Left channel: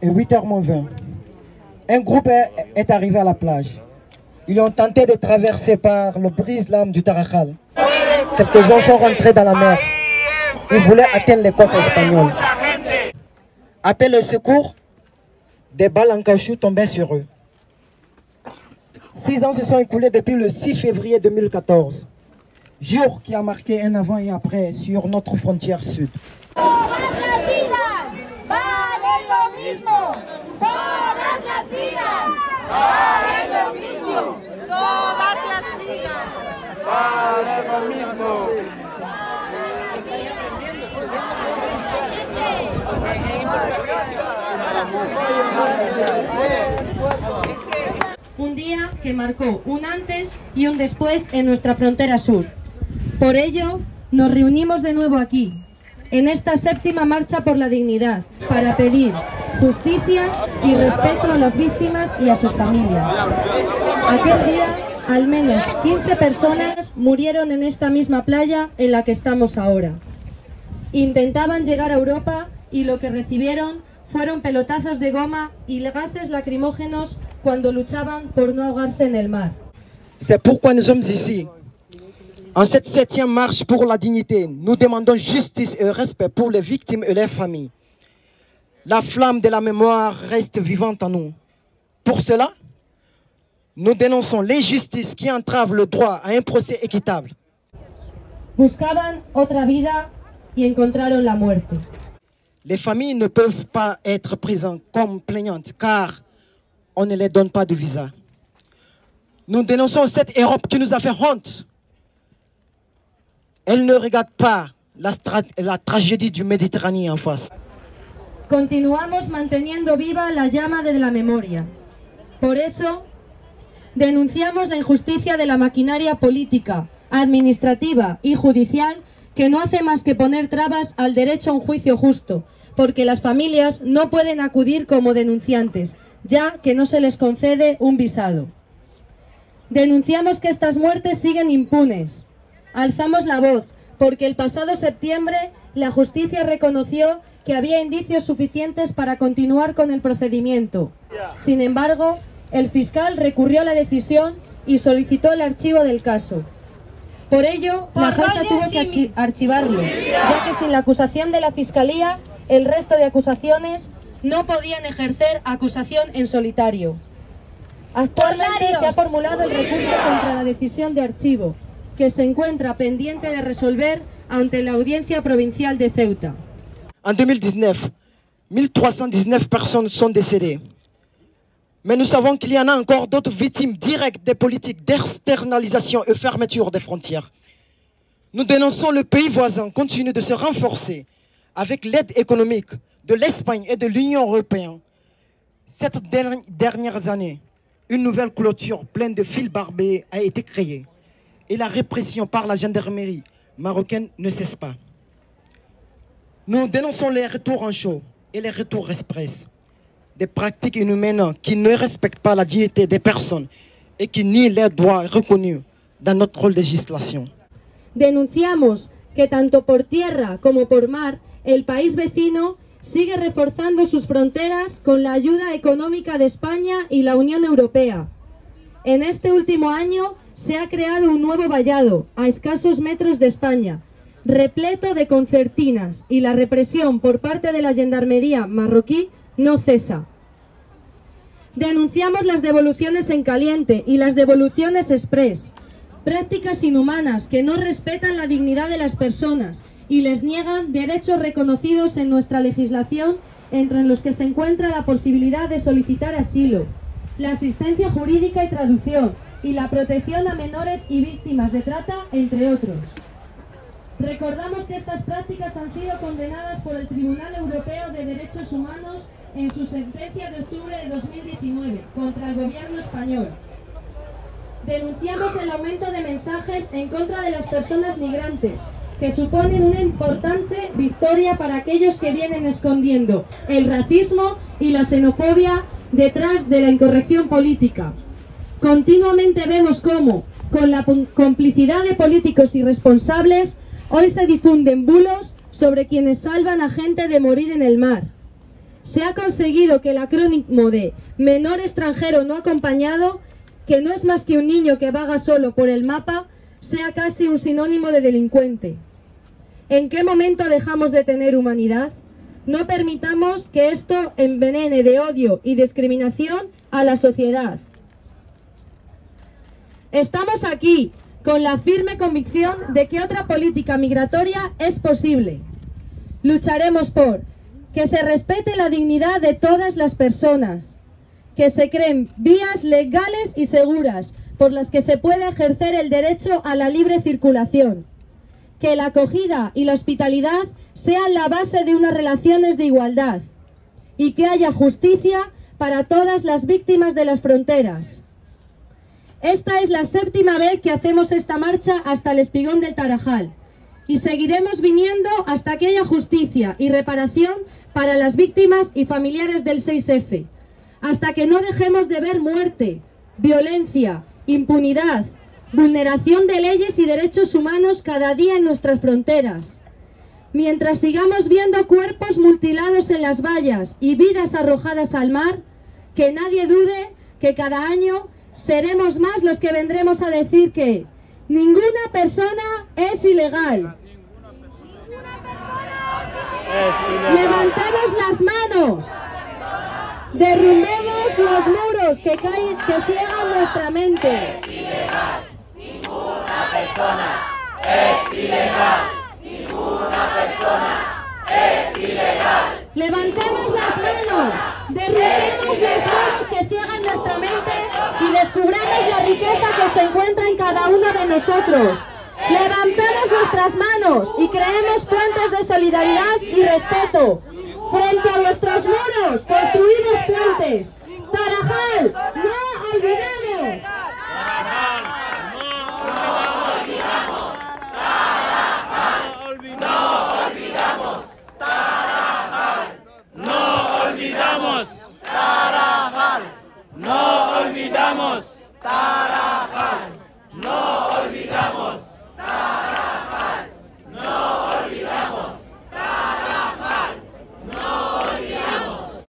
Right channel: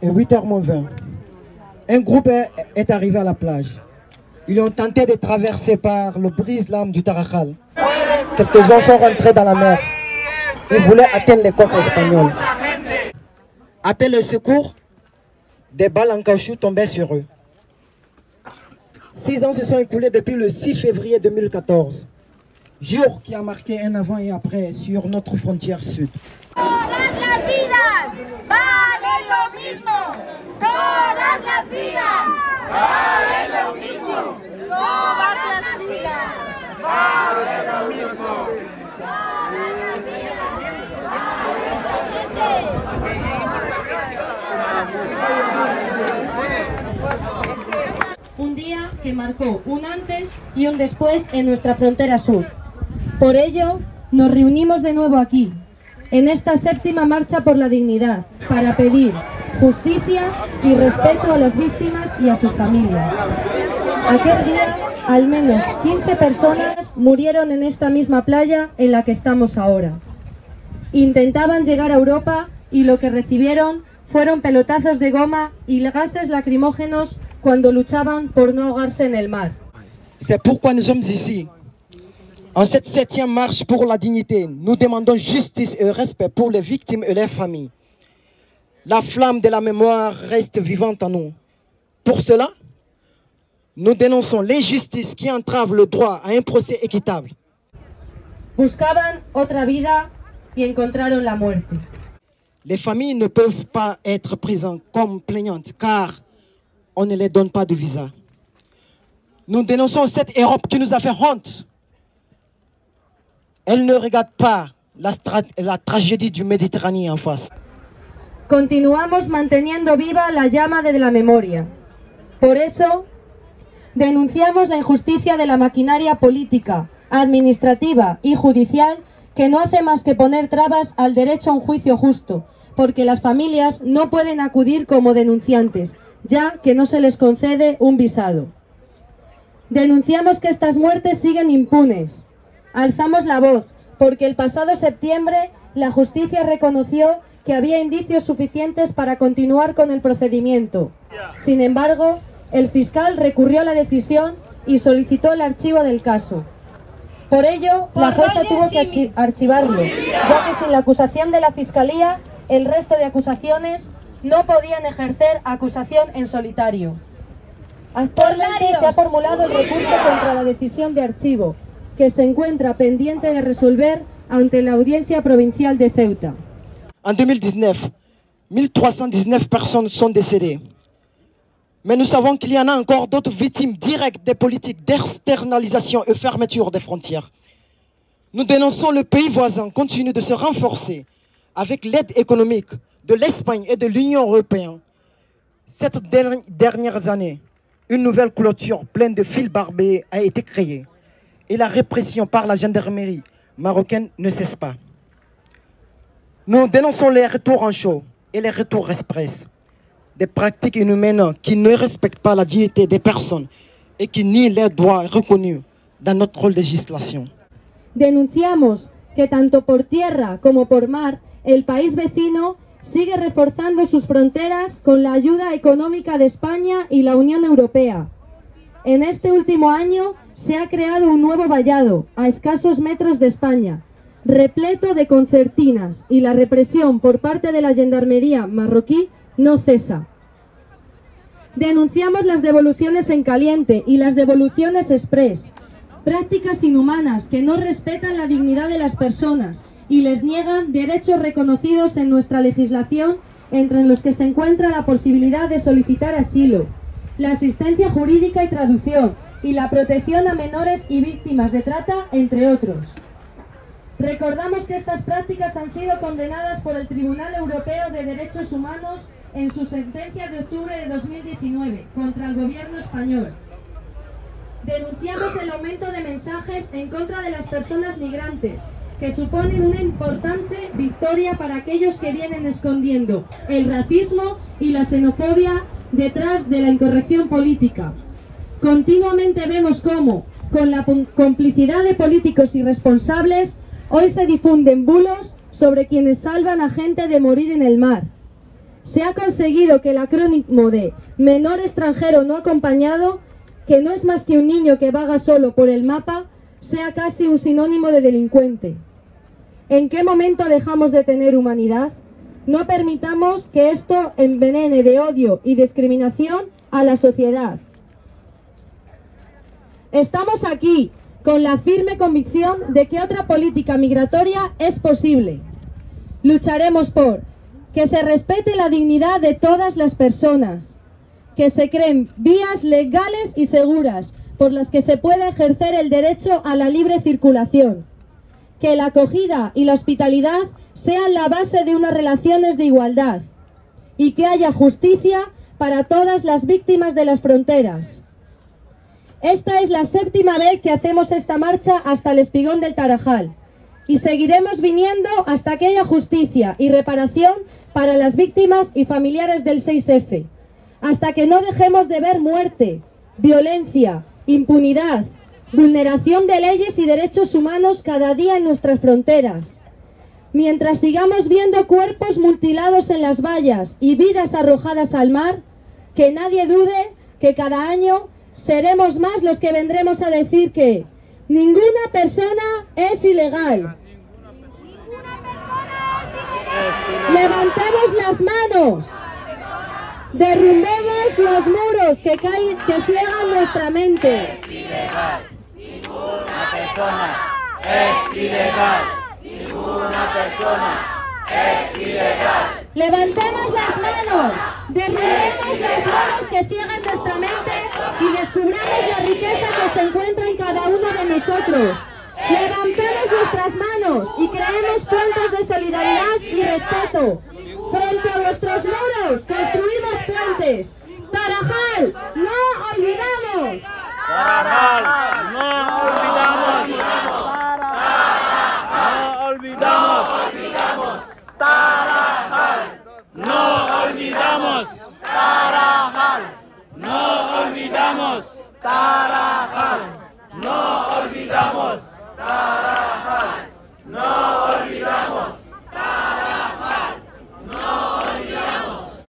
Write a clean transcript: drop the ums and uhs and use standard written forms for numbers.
Et 8h-20, un groupe est arrivé à la plage. Ils ont tenté de traverser par le brise-lames du Tarajal. Quelques-uns sont rentrés dans la mer. Ils voulaient atteindre les côtes espagnoles. Après le secours, des balles en caoutchouc tombaient sur eux. 6 ans se sont écoulés depuis le 6 février 2014, jour qui a marqué un avant et après sur notre frontière sud. Un día que marcó un antes y un después en nuestra frontera sur. Por ello, nos reunimos de nuevo aquí, en esta séptima marcha por la dignidad, para pedir justicia y respeto a las víctimas y a sus familias. Aquel día, al menos 15 personas murieron en esta misma playa en la que estamos ahora. Intentaban llegar a Europa y lo que recibieron fueron pelotazos de goma y gases lacrimógenos cuando luchaban por no ahogarse en el mar. C'est pourquoi nous sommes ici. En cette 7e marche pour la dignité, nous demandons justice et respect pour les victimes et leurs familles. La flamme de la mémoire reste vivante en nous. Pour cela, nous dénonçons l'injustice qui entrave le droit à un procès équitable. Buscaban otra vida y encontraron la muerte. Les familles ne peuvent pas être présentes comme plaignantes car on ne les donne pas de visa. Nous dénonçons cette Europe qui nous a fait honte. Elle ne regarde pas la tragédie du Méditerranée en face. Continuamos manteniendo viva la llama de la memoria. Por eso, denunciamos la injusticia de la maquinaria política, administrativa y judicial que no hace más que poner trabas al derecho a un juicio justo, porque las familias no pueden acudir como denunciantes, ya que no se les concede un visado. Denunciamos que estas muertes siguen impunes. Alzamos la voz, porque el pasado septiembre la justicia reconoció que había indicios suficientes para continuar con el procedimiento. Sin embargo, el fiscal recurrió a la decisión y solicitó el archivo del caso. Por ello, la jueza tuvo que archivarlo, ya que sin la acusación de la Fiscalía, el resto de acusaciones no podían ejercer acusación en solitario. Actualmente se ha formulado el recurso contra la decisión de archivo, que se encuentra pendiente de resolver ante la Audiencia Provincial de Ceuta. En 2019, 1319 personnes sont décédées. Mais nous savons qu'il y en a encore d'autres victimes directes des politiques d'externalisation et fermeture des frontières. Nous dénonçons le pays voisin continue de se renforcer avec l'aide économique de l'Espagne et de l'Union européenne. Cette dernières années, une nouvelle clôture pleine de fils barbelés a été créée et la répression par la gendarmerie marocaine ne cesse pas. Nous dénonçons les retours en chaud et les retours express, des pratiques inhumaines qui ne respectent pas la dignité des personnes et qui nient les droits reconnus dans notre législation. Denunciamos que tanto por tierra como por mar, el país vecino sigue reforzando sus fronteras con la ayuda económica de España y la Unión Europea. En este último año se ha creado un nuevo vallado a escasos metros de España, repleto de concertinas, y la represión por parte de la gendarmería marroquí no cesa. Denunciamos las devoluciones en caliente y las devoluciones express, prácticas inhumanas que no respetan la dignidad de las personas y les niegan derechos reconocidos en nuestra legislación, entre los que se encuentra la posibilidad de solicitar asilo, la asistencia jurídica y traducción, y la protección a menores y víctimas de trata, entre otros. Recordamos que estas prácticas han sido condenadas por el Tribunal Europeo de Derechos Humanos en su sentencia de octubre de 2019 contra el gobierno español. Denunciamos el aumento de mensajes en contra de las personas migrantes que suponen una importante victoria para aquellos que vienen escondiendo el racismo y la xenofobia detrás de la incorrección política. Continuamente vemos cómo, con la complicidad de políticos irresponsables, hoy se difunden bulos sobre quienes salvan a gente de morir en el mar. Se ha conseguido que el acrónimo de menor extranjero no acompañado, que no es más que un niño que vaga solo por el mapa, sea casi un sinónimo de delincuente. ¿En qué momento dejamos de tener humanidad? No permitamos que esto envenene de odio y discriminación a la sociedad. Estamos aquí con la firme convicción de que otra política migratoria es posible. Lucharemos por que se respete la dignidad de todas las personas, que se creen vías legales y seguras por las que se puede ejercer el derecho a la libre circulación, que la acogida y la hospitalidad sean la base de unas relaciones de igualdad y que haya justicia para todas las víctimas de las fronteras. Esta es la 7ª vez que hacemos esta marcha hasta el Espigón del Tarajal y seguiremos viniendo hasta que haya justicia y reparación para las víctimas y familiares del 6F, hasta que no dejemos de ver muerte, violencia, impunidad, vulneración de leyes y derechos humanos cada día en nuestras fronteras. Mientras sigamos viendo cuerpos mutilados en las vallas y vidas arrojadas al mar, que nadie dude que cada año seremos más los que vendremos a decir que ninguna persona es ilegal. Levantemos las manos, derrumbemos los muros que ciegan nuestra mente. Es ilegal, ninguna persona es ilegal, ninguna persona es ilegal. Levantemos las manos, derrumbemos los muros que ciegan nuestra mente y descubramos la riqueza que se encuentra en cada uno de nosotros. Levantemos nuestras manos y creemos puentes de solidaridad y respeto. Frente a nuestros muros construimos puentes. Tarajal, no olvidamos. Tarajal, no olvidamos. No olvidamos. Tarajal, no olvidamos. Tarajal, no olvidamos.